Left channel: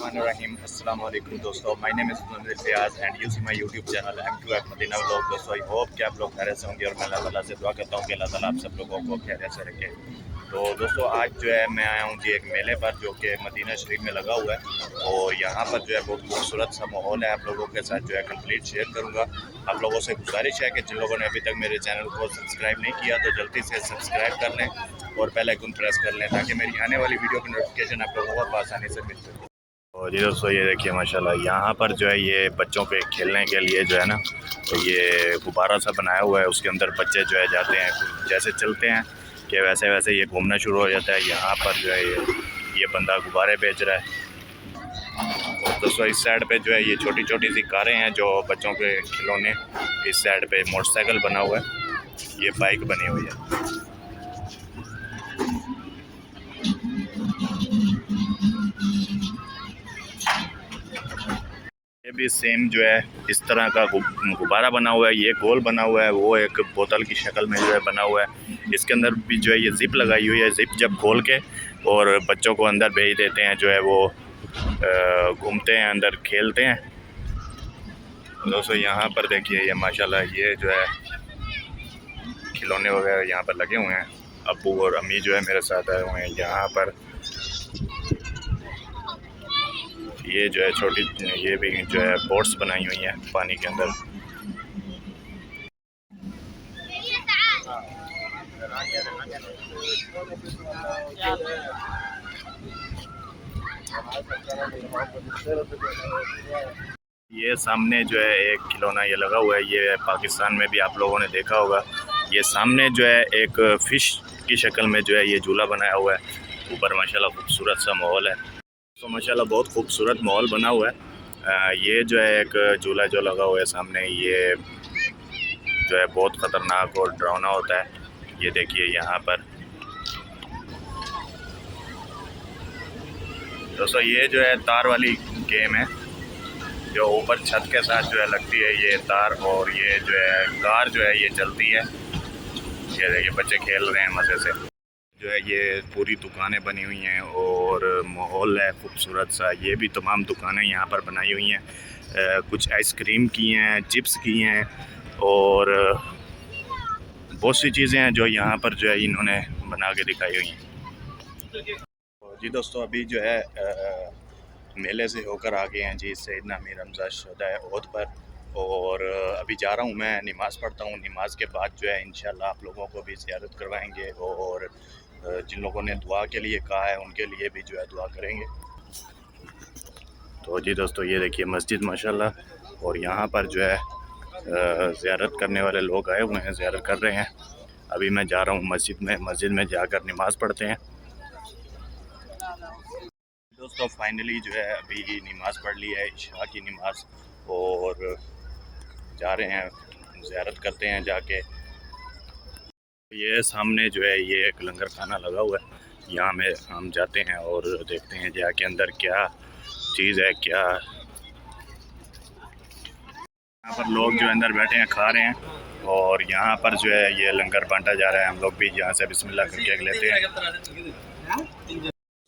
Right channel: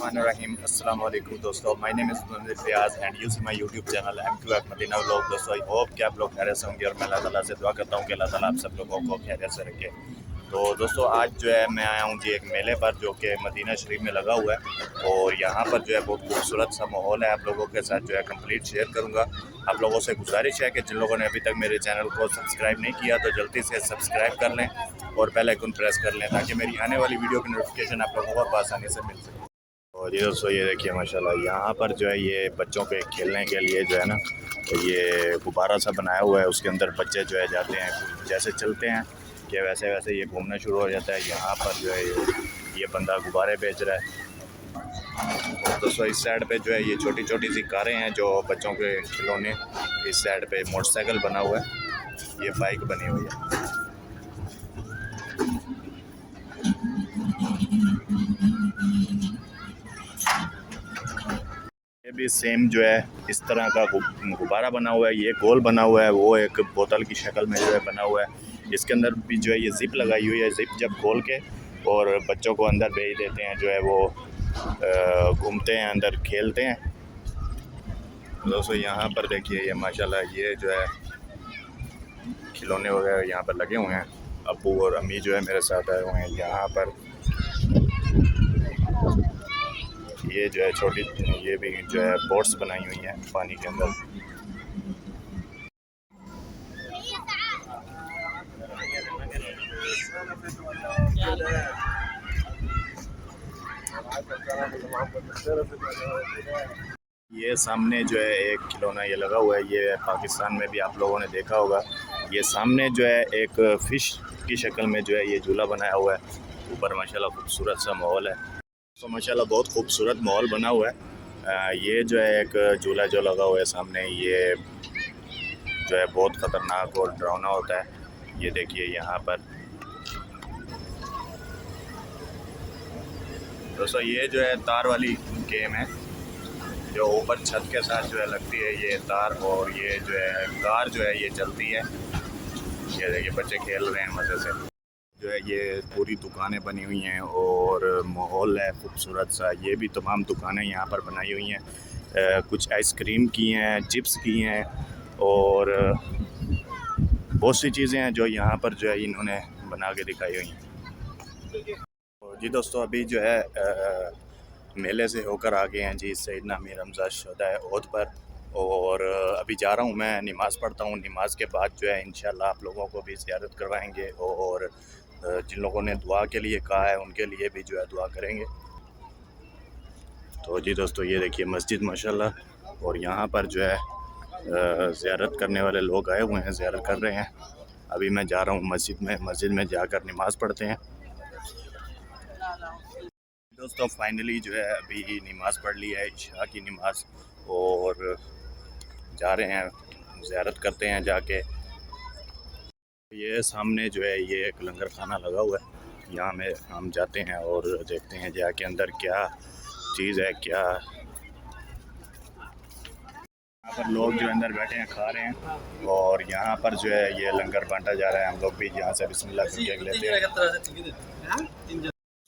Bismillahirrahmanirrahim. Assalamu alaikum दोस्तों, my name is Munawwir Riyaz and you see my YouTube channel M2F Madina vlog. दोस्तों I hope कि आप लोग खैरियत से होंगे और मैं अल्लाह ताला से दुआ करता हूँ कि अल्लाह ताला आप सब लोगों को खैरियत से रखे। तो दोस्तों आज जो है मैं आया हूँ जी एक मेले पर जो कि मदीना शरीफ में लगा हुआ है और यहाँ पर जो है बहुत खूबसूरत सा माहौल है। आप लोगों के साथ जो है कंप्लीट शेयर करूँगा। आप लोगों से गुजारिश है कि जिन लोगों ने अभी तक मेरे चैनल को सब्सक्राइब नहीं किया तो जल्दी से सब्सक्राइब कर लें और बेल आइकन प्रेस कर लें ताकि मेरी आने वाली वीडियो की नोटिफिकेशन आप लोगों को आसानी से मिल सके। और ये दोस्तों ये देखिए माशाल्लाह यहाँ पर जो है ये बच्चों के खेलने के लिए जो है ना तो ये गुब्बारा सा बनाया हुआ है, उसके अंदर बच्चे जो है जाते हैं, जैसे चलते हैं कि वैसे वैसे ये घूमना शुरू हो जाता है। यहाँ पर जो है ये बंदा गुब्बारे बेच रहा है। और दोस्तों इस साइड पे जो है ये छोटी छोटी सी कारें हैं जो बच्चों के खिलौने। इस साइड पे मोटरसाइकिल बना हुआ है, ये बाइक बनी हुई है। ये भी सेम जो है इस तरह का गुब्बारा बना हुआ है, ये गोल बना हुआ है, वो एक बोतल की शक्ल में जो है बना हुआ है। इसके अंदर भी जो है ये जिप लगाई हुई है, जिप जब खोल के और बच्चों को अंदर भेज देते हैं, जो है वो घूमते हैं, अंदर खेलते हैं। दोस्तों यहाँ पर देखिए ये माशाल्लाह ये जो है खिलौने वगैरह यहाँ पर लगे हुए हैं। अब्बू और अम्मी जो है मेरे साथ आए हुए हैं यहाँ पर। ये जो है छोटी ये भी जो है बोट्स बनाई हुई है पानी के अंदर। ये सामने जो है एक खिलौना ये लगा हुआ है, ये पाकिस्तान में भी आप लोगों ने देखा होगा। ये सामने जो है एक फ़िश की शक्ल में जो है ये झूला बनाया हुआ है, ऊपर माशाल्लाह खूबसूरत सा माहौल है। तो माशाल्लाह बहुत खूबसूरत माहौल बना हुआ है। ये जो है एक झूला जो लगा हुआ है सामने, ये जो है बहुत ख़तरनाक और डरावना होता है। ये देखिए यहाँ पर दोस्तों ये जो है तार वाली गेम है जो ऊपर छत के साथ जो है लगती है ये तार, और ये जो है कार जो है ये चलती है। ये देखिए बच्चे खेल रहे हैं मज़े से। जो है ये पूरी दुकानें बनी हुई हैं और माहौल है खूबसूरत सा। ये भी तमाम दुकानें यहाँ पर बनाई हुई हैं, कुछ आइसक्रीम की हैं, चिप्स की हैं और बहुत सी चीज़ें हैं जो यहाँ पर जो है इन्होंने बना के दिखाई हुई हैं। जी दोस्तों अभी जो है मेले से होकर आ गए हैं जी सैयदना मीर हमज़ा शहदाए ओहद पर, और अभी जा रहा हूँ मैं नमाज़ पढ़ता हूँ। नमाज के बाद जो है इंशाल्लाह आप लोगों को भी ज़ियारत करवाएंगे और जिन लोगों ने दुआ के लिए कहा है उनके लिए भी जो है दुआ करेंगे। तो जी दोस्तों ये देखिए मस्जिद माशाल्लाह, और यहाँ पर जो है ज़ियारत करने वाले लोग आए हुए हैं, ज़ियारत कर रहे हैं। अभी मैं जा रहा हूँ मस्जिद में जाकर नमाज़ पढ़ते हैं। दोस्तों फाइनली जो है अभी नमाज़ पढ़ ली है, इशा की नमाज़, और जा रहे हैं ज़ियारत करते हैं जाके। ये सामने जो है ये एक लंगर खाना लगा हुआ है, यहाँ में हम जाते हैं और देखते हैं जाके अंदर क्या चीज़ है, क्या यहाँ पर लोग जो अंदर बैठे हैं खा रहे हैं, और यहाँ पर जो है ये लंगर बांटा जा रहा है। हम लोग भी यहाँ से बिस्मिल्लाह करके लेते हैं।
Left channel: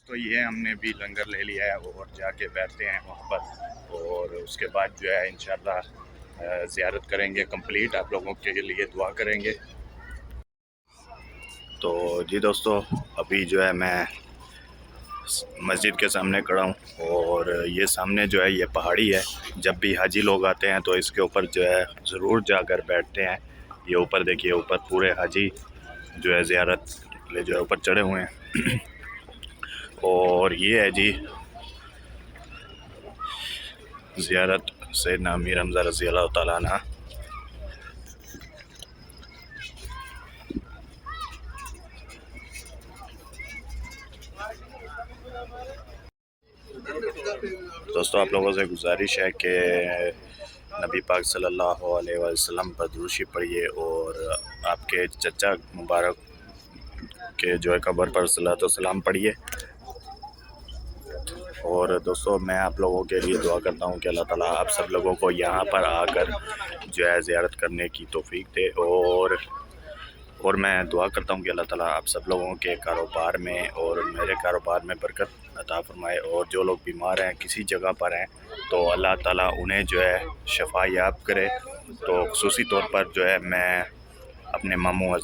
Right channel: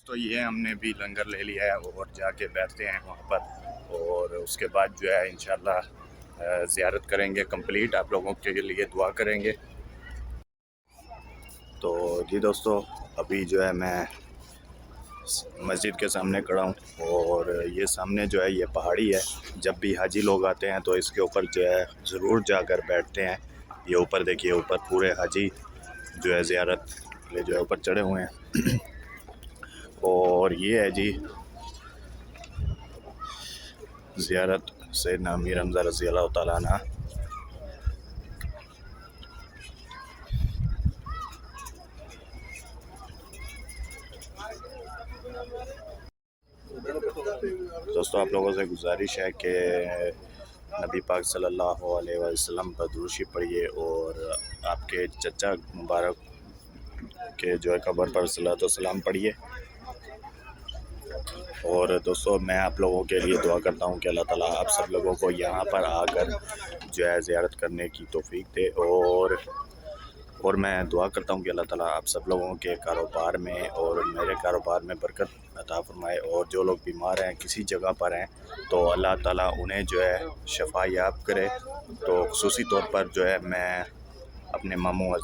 तो ये हमने भी लंगर ले लिया है और जाके बैठते हैं वहाँ पर, और उसके बाद जो है इंशाल्लाह ज़ियारत करेंगे कंप्लीट, आप लोगों के लिए दुआ करेंगे। तो जी दोस्तों अभी जो है मैं मस्जिद के सामने खड़ा हूँ, और ये सामने जो है ये पहाड़ी है। जब भी हाजी लोग आते हैं तो इसके ऊपर जो है ज़रूर जाकर बैठते हैं। ये ऊपर देखिए, ऊपर पूरे हाजी जो है ज़ियारत के लिए जो है ऊपर चढ़े हुए हैं। और ये है जी ज़ियारत सैयदना मीर हमज़ा रज़ियल्लाहु ताला अन्हु। दोस्तों आप लोगों से गुजारिश है कि नबी पाक सल्लल्लाहु अलैहि वसल्लम पर दुरूद पढ़िए और आपके चचा मुबारक के जो है कब्र पर सलातो सलाम पढ़िए। और दोस्तों मैं आप लोगों के लिए दुआ करता हूँ कि अल्लाह ताला आप सब लोगों को यहाँ पर आकर जो है ज़ियारत करने की तौफीक दे, और मैं दुआ करता हूँ कि अल्लाह ताला आप सब लोगों के कारोबार में और मेरे कारोबार में बरकत अता फरमाए। और जो लोग बीमार हैं किसी जगह पर हैं तो अल्लाह ताला उन्हें जो है शफा याब करे। तो खुसूसी तौर पर जो है मैं अपने मामू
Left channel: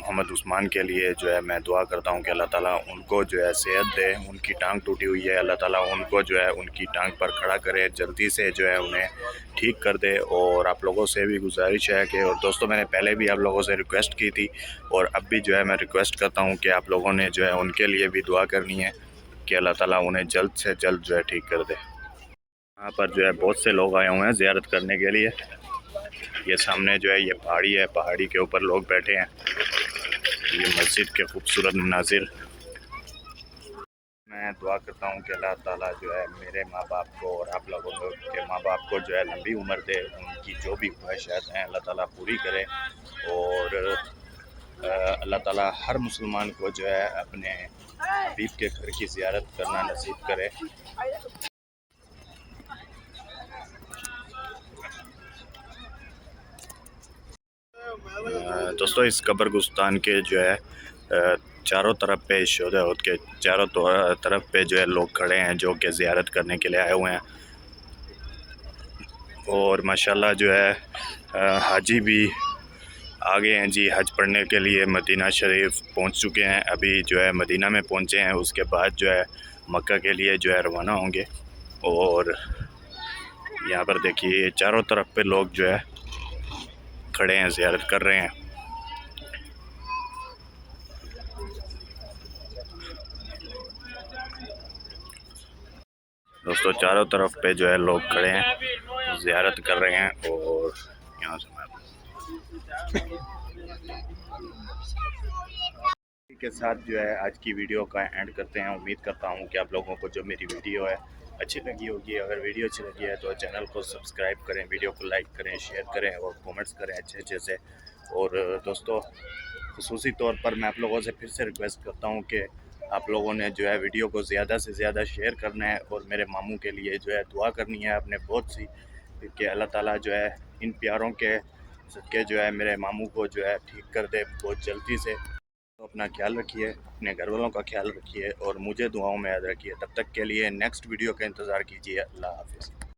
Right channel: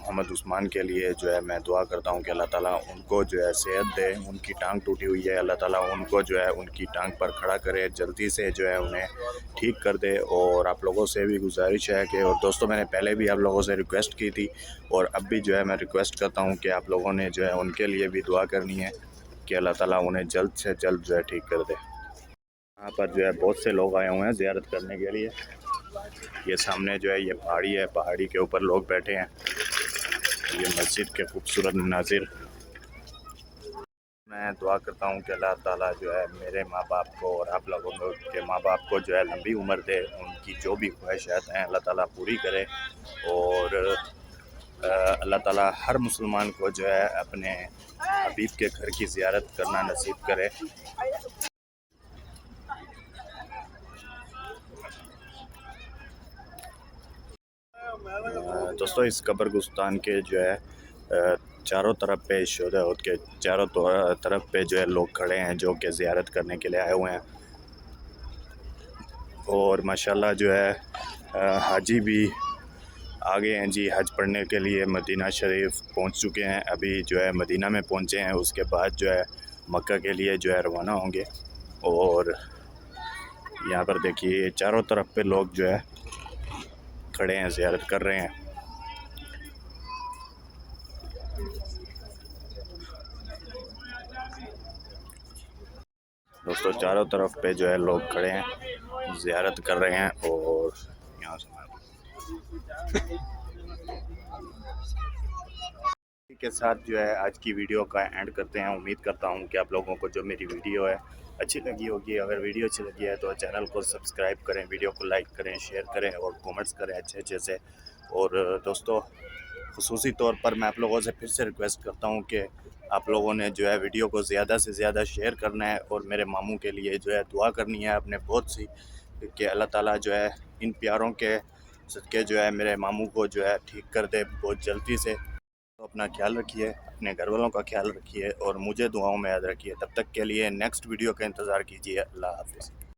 मोहम्मद उस्मान के लिए जो है मैं दुआ करता हूँ कि अल्लाह ताला उनको जो है सेहत दे। उनकी टांग टूटी हुई है, अल्लाह ताला उनको जो है उनकी टांग पर खड़ा करे, जल्दी से जो है उन्हें ठीक कर दे। और आप लोगों से भी गुजारिश है कि, और दोस्तों मैंने पहले भी आप लोगों से रिक्वेस्ट की थी और अब भी जो है मैं रिक्वेस्ट करता हूँ कि आप लोगों ने जो है उनके लिए भी दुआ करनी है कि अल्लाह ताला उन्हें जल्द से जल्द जो है ठीक कर दे। यहाँ पर जो है बहुत से लोग आए हुए हैं ज़ियारत करने के लिए। ये सामने जो है ये पहाड़ी है, पहाड़ी के ऊपर लोग बैठे हैं। ये मस्जिद के खूबसूरत मनाजिर। मैं दुआ करता हूँ कि अल्लाह ताला जो है मेरे माँ बाप को और आप लोगों के माँ बाप को जो है लंबी उम्र दे, उनकी जो भी ख्वाहिशात हैं अल्लाह ताला पूरी करे। और अल्लाह ताला हर मुसलमान को जो है अपने हबीब के घर की ज़ियारत करना नसीब करे। दोस्तों इस कब्रगुस्तान के जो है चारों तरफ पे शोहदा के चारों तरफ पे जो है लोग खड़े हैं जो कि ज़ियारत करने के लिए आए हुए हैं। और माशाल्लाह जो है हाजी भी आ गए हैं जी, हज पढ़ने के लिए मदीना शरीफ पहुंच चुके हैं। अभी जो है मदीना में पहुंचे हैं, उसके बाद जो है मक्का के लिए जो है रवाना होंगे। और यहाँ पर देखिए चारों तरफ पे लोग जो है खड़े हैं, ज़ियारत कर रहे हैं। दोस्तों चारों तरफ पे जो है लोग खड़े हैं, ज़ियारत कर रहे हैं। और यहाँ से के साथ जो है आज की वीडियो का एंड करते हैं। उम्मीद करता हूँ कि आप लोगों को जो मेरी वीडियो है अच्छी लगी होगी। अगर वीडियो अच्छी लगी है तो चैनल को सब्सक्राइब करें, वीडियो को लाइक करें, शेयर करें और कमेंट्स करें अच्छे से। और दोस्तों खुसूसी तौर पर मैं आप लोगों से फिर से रिक्वेस्ट करता हूँ कि आप लोगों ने जो है वीडियो को ज़्यादा से ज़्यादा शेयर करना है और मेरे मामू के लिए जो है दुआ करनी है अपने बहुत सी, कि अल्लाह ताला जो है इन प्यारों के सदक़े जो है मेरे मामू को जो है ठीक कर दे बहुत जल्दी से। तो अपना ख्याल रखिए, अपने घर वालों का ख्याल रखिए और मुझे दुआओं में याद रखिए। तब तक के लिए नेक्स्ट वीडियो का इंतज़ार कीजिए। अल्लाह हाफ़िज़।